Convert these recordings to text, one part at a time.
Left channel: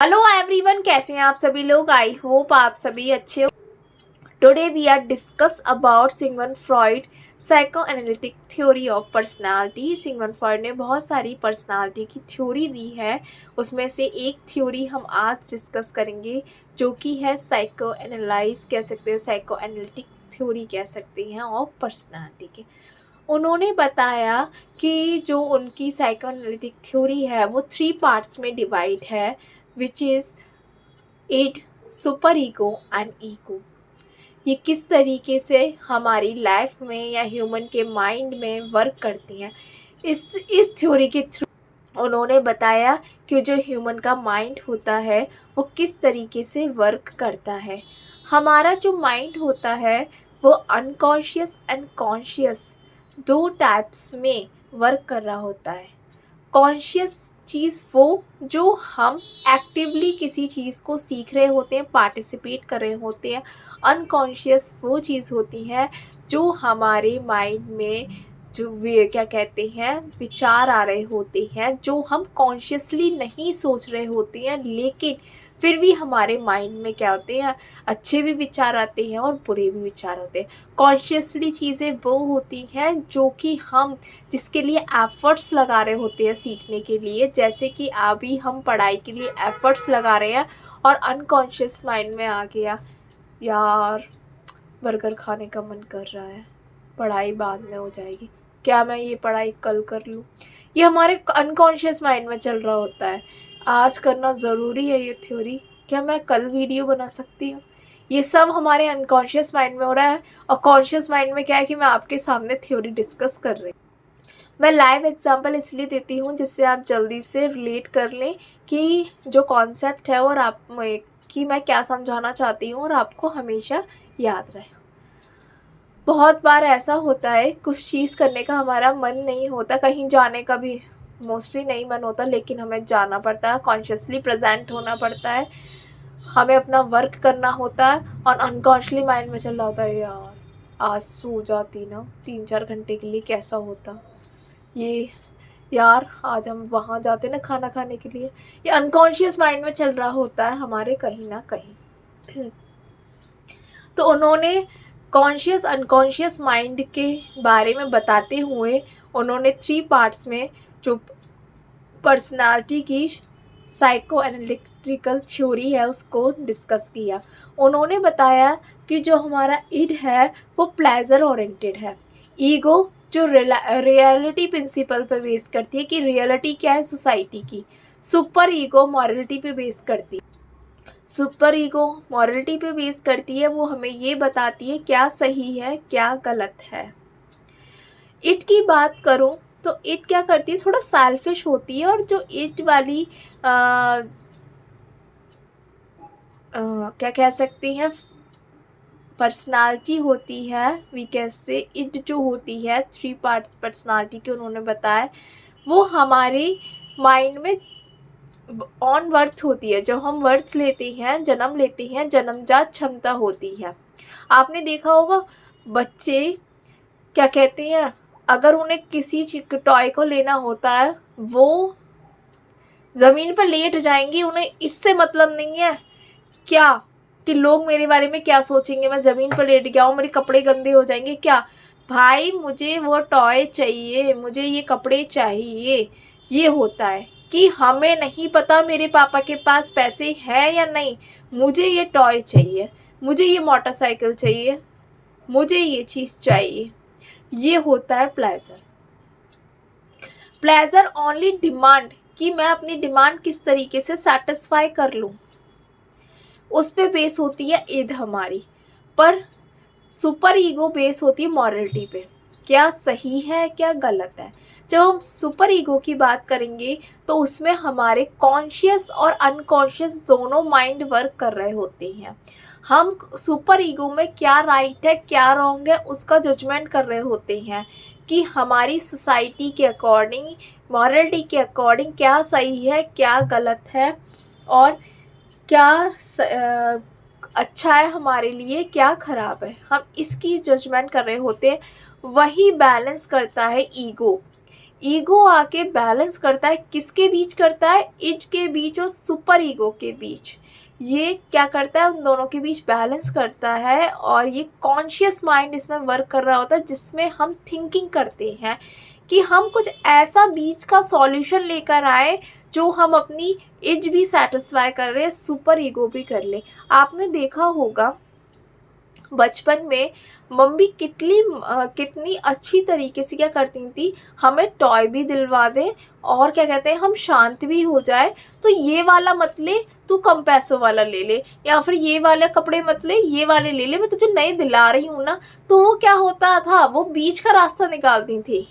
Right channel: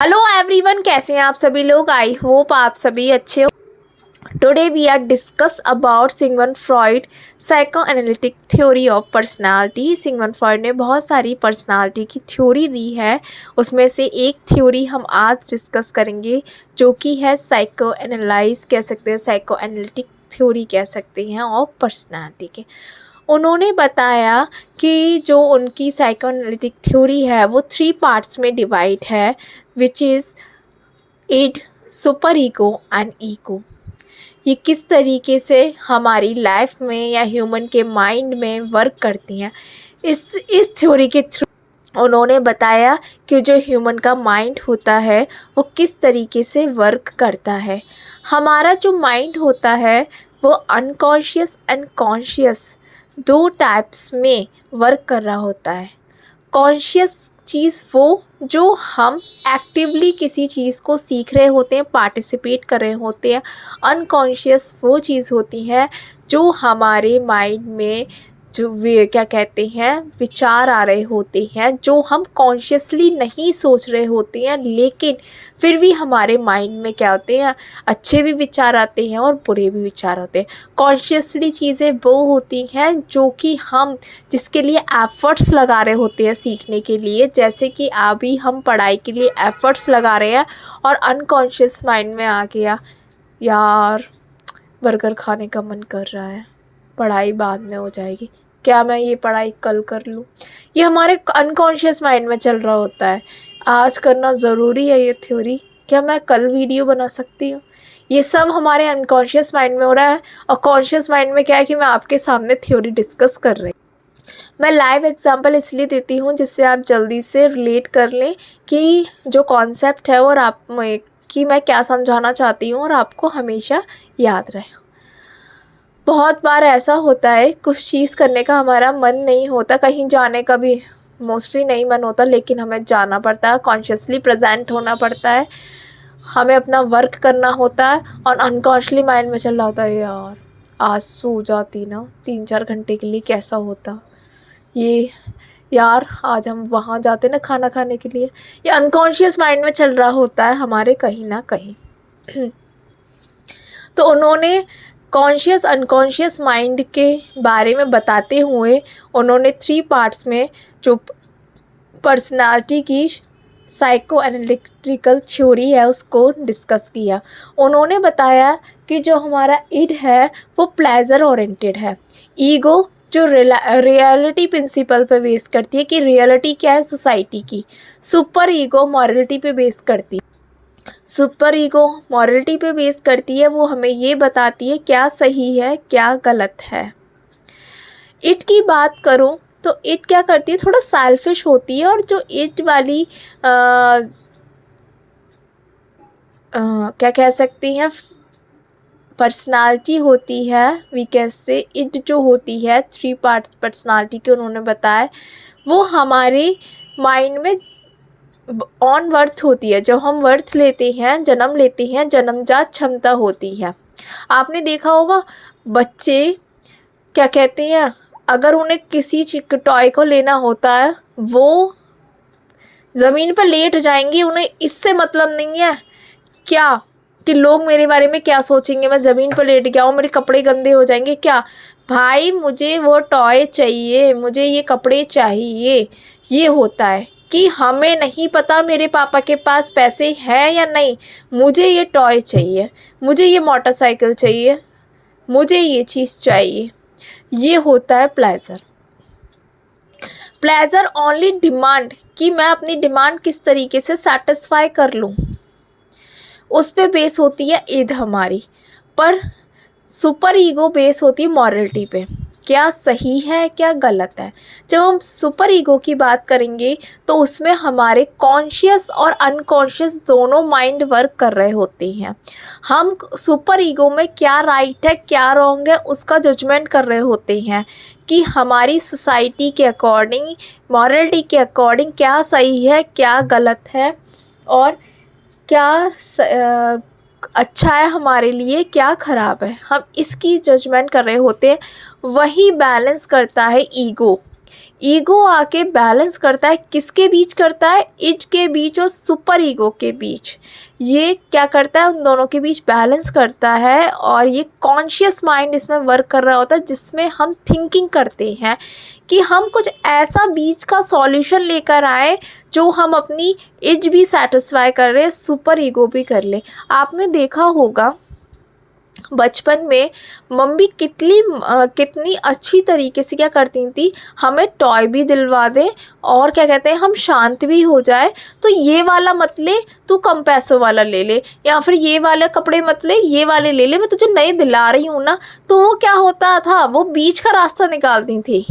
Hello everyone, कैसे हैं आप सभी लोग। आई होप आप सभी अच्छे हो। Today we are discuss about Sigmund Freud psychoanalytic theory of personality. Sigmund Freud ने बहुत सारी पर्सनालिटी की थ्योरी दी है, उसमें से एक थ्योरी हम आज डिस्कस करेंगे जो कि है साइको एनालाइज कह सकते हैं, साइको एनालिटिक थ्योरी कह सकते हैं ऑफ पर्सनालिटी के। उन्होंने बताया कि जो उनकी साइको एनालिटिक थ्योरी है वो 3 पार्ट्स में डिवाइड है, which is id, super ego and ego. ये किस तरीके से हमारी लाइफ में या ह्यूमन के माइंड में वर्क करती हैं। इस थ्योरी के थ्रू उन्होंने बताया कि जो ह्यूमन का माइंड होता है वो किस तरीके से वर्क करता है। हमारा जो माइंड होता है वो अनकॉन्शियस एंड कॉन्शियस 2 टाइप्स में वर्क कर रहा होता है। कॉन्शियस चीज़ वो जो हम एक्टिवली किसी चीज़ को सीख रहे होते हैं, पार्टिसिपेट कर रहे होते हैं। अनकॉन्शियस वो चीज़ होती है जो हमारे माइंड में जो वे क्या कहते हैं विचार आ रहे होते हैं, जो हम कॉन्शियसली नहीं सोच रहे होते हैं, लेकिन फिर भी हमारे माइंड में क्या होते हैं, अच्छे भी विचार आते हैं और बुरे भी विचार होते हैं। कॉन्शियसली चीज़ें वो होती हैं जो कि हम जिसके लिए एफ़र्ट्स लगा रहे होते हैं सीखने के लिए, जैसे कि अभी हम पढ़ाई के लिए एफ़र्ट्स लगा रहे हैं और अनकॉन्शियस माइंड में आ गया, यार बर्गर खाने का मन कर रहा है, पढ़ाई बाद में हो जाएगी, क्या मैं ये पढ़ाई कल कर लूँ। ये हमारे अनकॉन्शियस माइंड में चल रहा होता है। आज करना ज़रूरी है ये थ्योरी, क्या मैं कल वीडियो बना सकती हूँ। ये सब हमारे अनकॉन्शियस माइंड में हो रहा है और कॉन्शियस माइंड में क्या है कि मैं आपके सामने थ्योरी डिस्कस कर रही हूँ। मैं लाइव एग्जांपल इसलिए देती हूँ जिससे आप जल्दी से रिलेट कर लें कि जो कॉन्सेप्ट है और आप कि मैं क्या समझाना चाहती हूँ और आपको हमेशा याद रहे। बहुत बार ऐसा होता है कुछ चीज़ करने का हमारा मन नहीं होता, कहीं जाने का भी मोस्टली नहीं मन होता, लेकिन हमें जाना पड़ता है, कॉन्शियसली प्रेजेंट होना पड़ता है, हमें अपना वर्क करना होता है और अनकॉन्शियसली माइंड में चल रहा होता है, यार आज सो जाती ना 3-4 घंटे के लिए कैसा होता, ये यार आज हम वहाँ जाते ना खाना खाने के लिए। ये अनकॉन्शियस माइंड में चल रहा होता है हमारे कहीं ना कहीं। तो उन्होंने कॉन्शियस अनकॉन्शियस माइंड के बारे में बताते हुए उन्होंने 3 पार्ट्स में जो पर्सनालिटी की साइको एनालिटिकल थ्योरी है उसको डिस्कस किया। उन्होंने बताया कि जो हमारा इड है वो प्लेजर ओरिएंटेड है, ईगो जो रियलिटी प्रिंसिपल पे बेस करती है कि रियलिटी क्या है सोसाइटी की, सुपर ईगो मॉरलिटी पे बेस करती है। सुपर ईगो मॉरलिटी पे बेस करती है, वो हमें ये बताती है क्या सही है क्या गलत है। इट की बात करूं तो इट क्या करती है, थोड़ा सेल्फिश होती है, और जो इट वाली क्या कह सकती हैं पर्सनालिटी होती है, वी कैसे इट जो होती है 3 पार्ट्स पर्सनालिटी के उन्होंने बताया, वो हमारे माइंड में ऑन वर्थ होती है। जब हम वर्थ लेते हैं, जन्म लेते हैं, जन्मजात क्षमता होती है। आपने देखा होगा बच्चे क्या कहते हैं, अगर उन्हें किसी टॉय को लेना होता है वो ज़मीन पर लेट जाएंगी, उन्हें इससे मतलब नहीं है क्या कि लोग मेरे बारे में क्या सोचेंगे, मैं ज़मीन पर लेट गया हूँ मेरे कपड़े गंदे हो जाएंगे क्या। भाई मुझे वो टॉय चाहिए, मुझे ये कपड़े चाहिए। ये होता है कि हमें नहीं पता मेरे पापा के पास पैसे हैं या नहीं, मुझे ये टॉय चाहिए, मुझे ये मोटरसाइकिल चाहिए, मुझे ये चीज़ चाहिए। ये होता है प्लेजर। प्लेजर ओनली डिमांड कि मैं अपनी डिमांड किस तरीके से सेटिस्फाई कर लूँ, उस पे बेस होती है ईद हमारी। पर सुपर ईगो बेस होती है मॉरलिटी पे, क्या सही है क्या गलत है। जब हम सुपर ईगो की बात करेंगे तो उसमें हमारे कॉन्शियस और अनकॉन्शियस दोनों माइंड वर्क कर रहे होते हैं। हम सुपर ईगो में क्या राइट है क्या रॉन्ग है उसका जजमेंट कर रहे होते हैं कि हमारी सोसाइटी के अकॉर्डिंग, मॉरलिटी के अकॉर्डिंग क्या सही है क्या गलत है, और क्या अच्छा है हमारे लिए क्या ख़राब है, हम इसकी जजमेंट कर रहे होते हैं। वही बैलेंस करता है ईगो। ईगो आके बैलेंस करता है, किसके बीच करता है, इड के बीच और सुपर ईगो के बीच। ये क्या करता है, उन दोनों के बीच बैलेंस करता है। और ये कॉन्शियस माइंड इसमें वर्क कर रहा होता है, जिसमें हम थिंकिंग करते हैं कि हम कुछ ऐसा बीच का सॉल्यूशन लेकर आए जो हम अपनी इड भी सेटिस्फाई कर रहे हैं, सुपर ईगो भी कर ले। आपने देखा होगा बचपन में मम्मी कितनी अच्छी तरीके से क्या करती थी, हमें टॉय भी दिलवा दें और क्या कहते हैं हम शांत भी हो जाए, तो ये वाला मत ले, तू कम पैसों वाला ले ले, या फिर ये वाले कपड़े मत ले, ये वाले ले ले, मैं तुझे नए दिला रही हूँ ना। तो वो क्या होता था, वो बीच का रास्ता निकालती थी,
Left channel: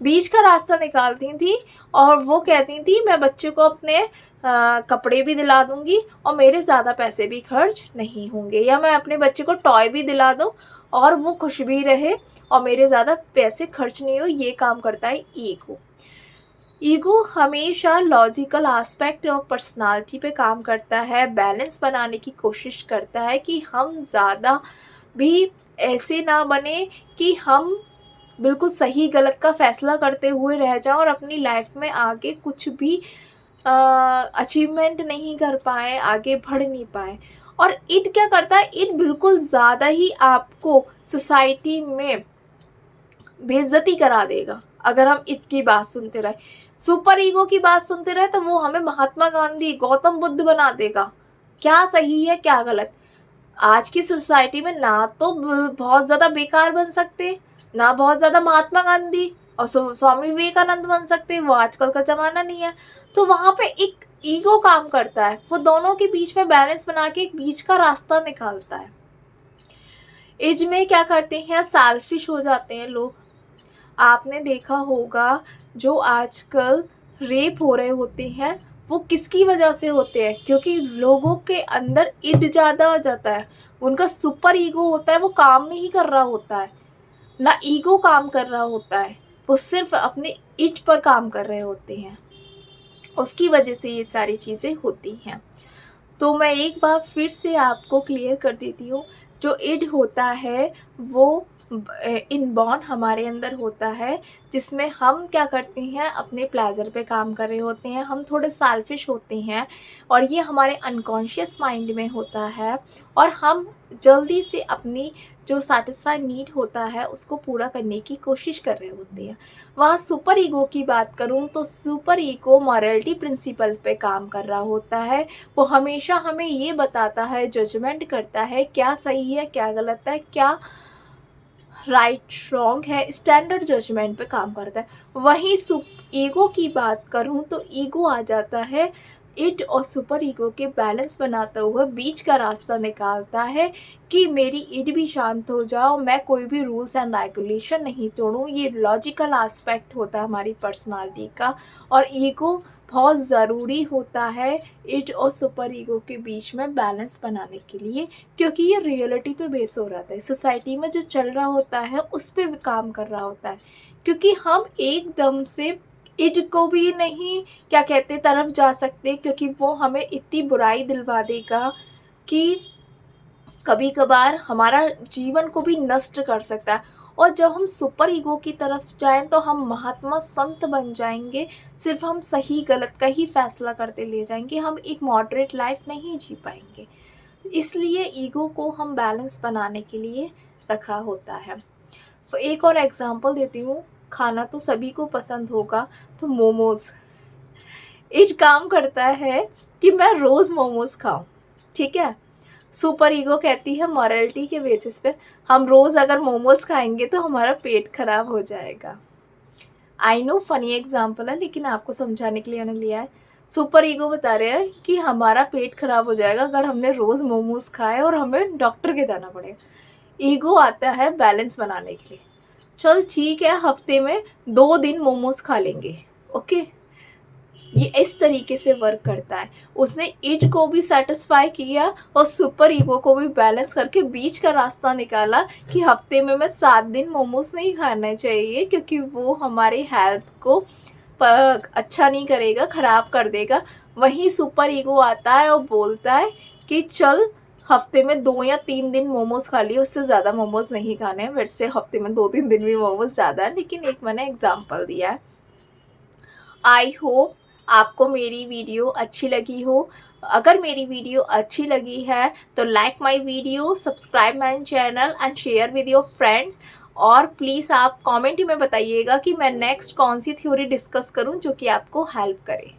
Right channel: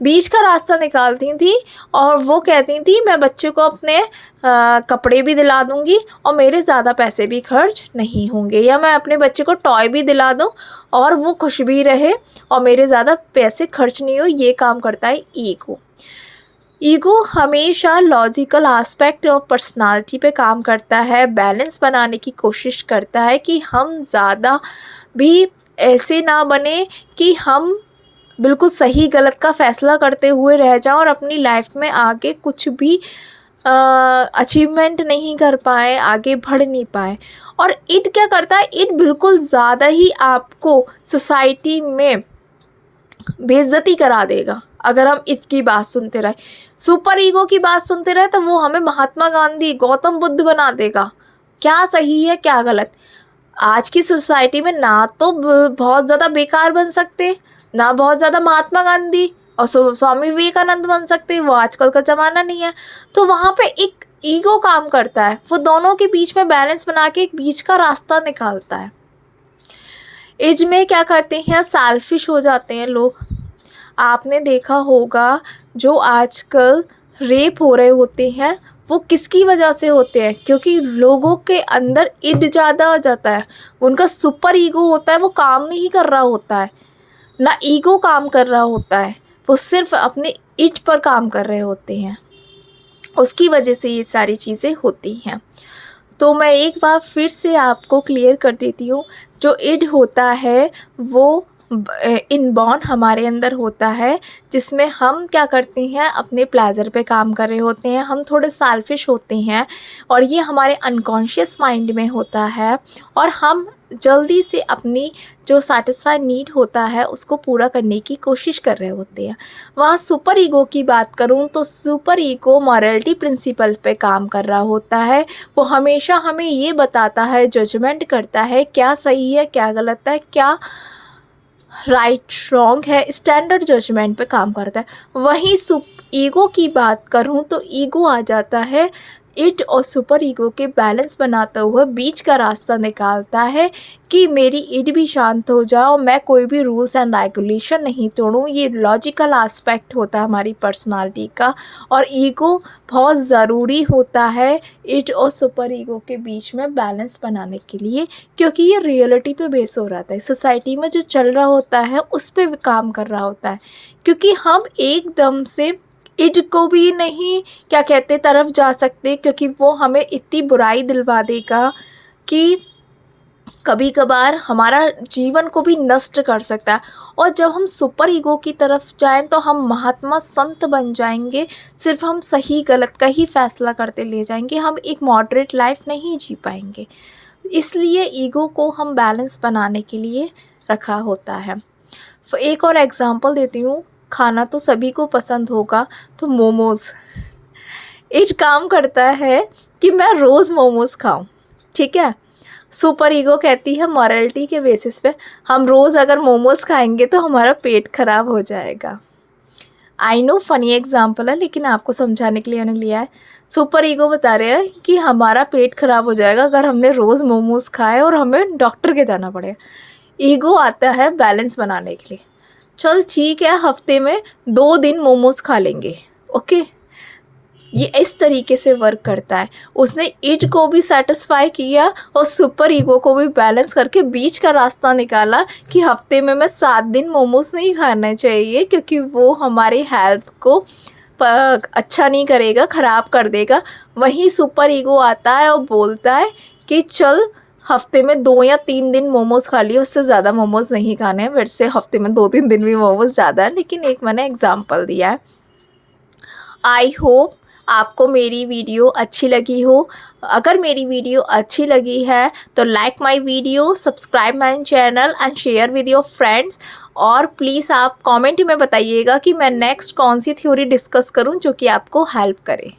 बीच का रास्ता निकालती थी और वो कहती थी मैं बच्चे को अपने कपड़े भी दिला दूंगी और मेरे ज़्यादा पैसे भी खर्च नहीं होंगे, या मैं अपने बच्चे को टॉय भी दिला दूं और वो खुश भी रहे और मेरे ज़्यादा पैसे खर्च नहीं हो। ये काम करता है ईगो। ईगो हमेशा लॉजिकल एस्पेक्ट ऑफ पर्सनालिटी पे काम करता है, बैलेंस बनाने की कोशिश करता है कि हम ज़्यादा भी ऐसे ना बने कि हम बिल्कुल सही गलत का फ़ैसला करते हुए रह जाओ और अपनी लाइफ में आगे कुछ भी अचीवमेंट नहीं कर पाए, आगे बढ़ नहीं पाए। और इट क्या करता है, इट बिल्कुल ज़्यादा ही आपको सोसाइटी में बेइज्जती करा देगा अगर हम इसकी बात सुनते रहे। सुपर ईगो की बात सुनते रहे तो वो हमें महात्मा गांधी, गौतम बुद्ध बना देगा, क्या सही है क्या गलत। आज की सोसाइटी में ना तो बहुत ज़्यादा बेकार बन सकते, ना बहुत ज़्यादा महात्मा गांधी और स्वामी विवेकानंद बन सकते, वो आजकल का ज़माना नहीं है। तो वहाँ पे एक ईगो काम करता है, वो दोनों के बीच में बैलेंस बना के एक बीच का रास्ता निकालता है। एज में क्या करते हैं, सेल्फिश हो जाते हैं लोग। आपने देखा होगा जो आजकल रेप हो रहे होते हैं वो किसकी वजह से होते हैं, क्योंकि लोगों के अंदर इड ज़्यादा आ जाता है, उनका सुपर ईगो होता है, वो काम नहीं कर रहा होता है, ना ईगो काम कर रहा होता है, वो सिर्फ अपने इट पर काम कर रहे होते हैं। उसकी वजह से ये सारी चीज़ें होती हैं। तो मैं एक बार फिर से आपको क्लियर कर देती हूँ, जो इड होता है वो इनबॉर्न हमारे अंदर होता है, जिसमें हम क्या करते हैं अपने प्लेजर पे काम कर रहे होते हैं, हम थोड़े सेल्फिश होते हैं और ये हमारे अनकॉन्शियस माइंड में होता है और हम जल्दी से अपनी जो सेटिस्फाई नीड होता है उसको पूरा करने की कोशिश कर रहे होते हैं। वहाँ सुपर ईगो की बात करूँ तो सुपर ईगो मॉरलिटी प्रिंसिपल पे काम कर रहा होता है, वो हमेशा हमें ये बताता है, जजमेंट करता है क्या सही है क्या गलत है, क्या राइट रॉन्ग है, स्टैंडर्ड जजमेंट पे काम करता है। वहीं ईगो की बात करूँ तो ईगो आ जाता है इट और सुपर ईगो के बैलेंस बनाता हुआ बीच का रास्ता निकालता है कि मेरी इट भी शांत हो जाए और मैं कोई भी रूल्स एंड रेगुलेशन नहीं तोड़ूँ। ये लॉजिकल एस्पेक्ट होता है हमारी पर्सनालिटी का और ईगो बहुत ज़रूरी होता है इट और सुपर ईगो के बीच में बैलेंस बनाने के लिए, क्योंकि ये रियलिटी पे बेस हो रहा है, सोसाइटी में जो चल रहा होता है उस पर काम कर रहा होता है। क्योंकि हम एकदम से इट को भी नहीं क्या कहते तरफ जा सकते, क्योंकि वो हमें इतनी बुराई दिलवा देगा कि कभी कभार हमारा जीवन को भी नष्ट कर सकता है। और जब हम सुपर ईगो की तरफ जाएं तो हम महात्मा संत बन जाएंगे, सिर्फ हम सही गलत का ही फैसला करते ले जाएंगे, हम एक मॉडरेट लाइफ नहीं जी पाएंगे। इसलिए ईगो को हम बैलेंस बनाने के लिए रखा होता है। एक और एग्जांपल देती हूँ, खाना तो सभी को पसंद होगा, तो मोमोज़ इट काम करता है कि मैं रोज़ मोमोज़ खाऊं, ठीक है। सुपर ईगो कहती है मॉरलिटी के बेसिस पे हम रोज़ अगर मोमोज़ खाएंगे तो हमारा पेट खराब हो जाएगा। आई नो फनी एग्जांपल है, लेकिन आपको समझाने के लिए मैंने लिया है। सुपर ईगो बता रहे हैं कि हमारा पेट खराब हो जाएगा अगर हमने रोज़ मोमोज़ खाए और हमें डॉक्टर के जाना पड़ेगा। ईगो आता है बैलेंस बनाने के लिए, चल ठीक है हफ्ते में 2 दिन मोमोज़ खा लेंगे, ओके। ये इस तरीके से वर्क करता है। उसने इट को भी सेटिस्फाई किया और सुपर ईगो को भी बैलेंस करके बीच का रास्ता निकाला कि हफ्ते में मैं 7 दिन मोमोज़ नहीं खाना चाहिए, क्योंकि वो हमारे हेल्थ को अच्छा नहीं करेगा, ख़राब कर देगा। वहीं सुपर ईगो आता है और बोलता है कि चल हफ्ते में 2 या 3 दिन मोमोज़ खा लिए, उससे ज़्यादा मोमोज़ नहीं खाने हैं। वैसे हफ्ते में 2-3 दिन भी मोमोज़ ज़्यादा है, लेकिन एक मैंने एग्ज़ाम्पल दिया है। आई होप आपको मेरी वीडियो अच्छी लगी हो। अगर मेरी वीडियो अच्छी लगी है तो like my video, subscribe my channel and share with your friends. और प्लीज़ आप कमेंट में बताइएगा कि मैं नेक्स्ट कौन सी थ्योरी डिस्कस करूं जो कि आपको हेल्प करे।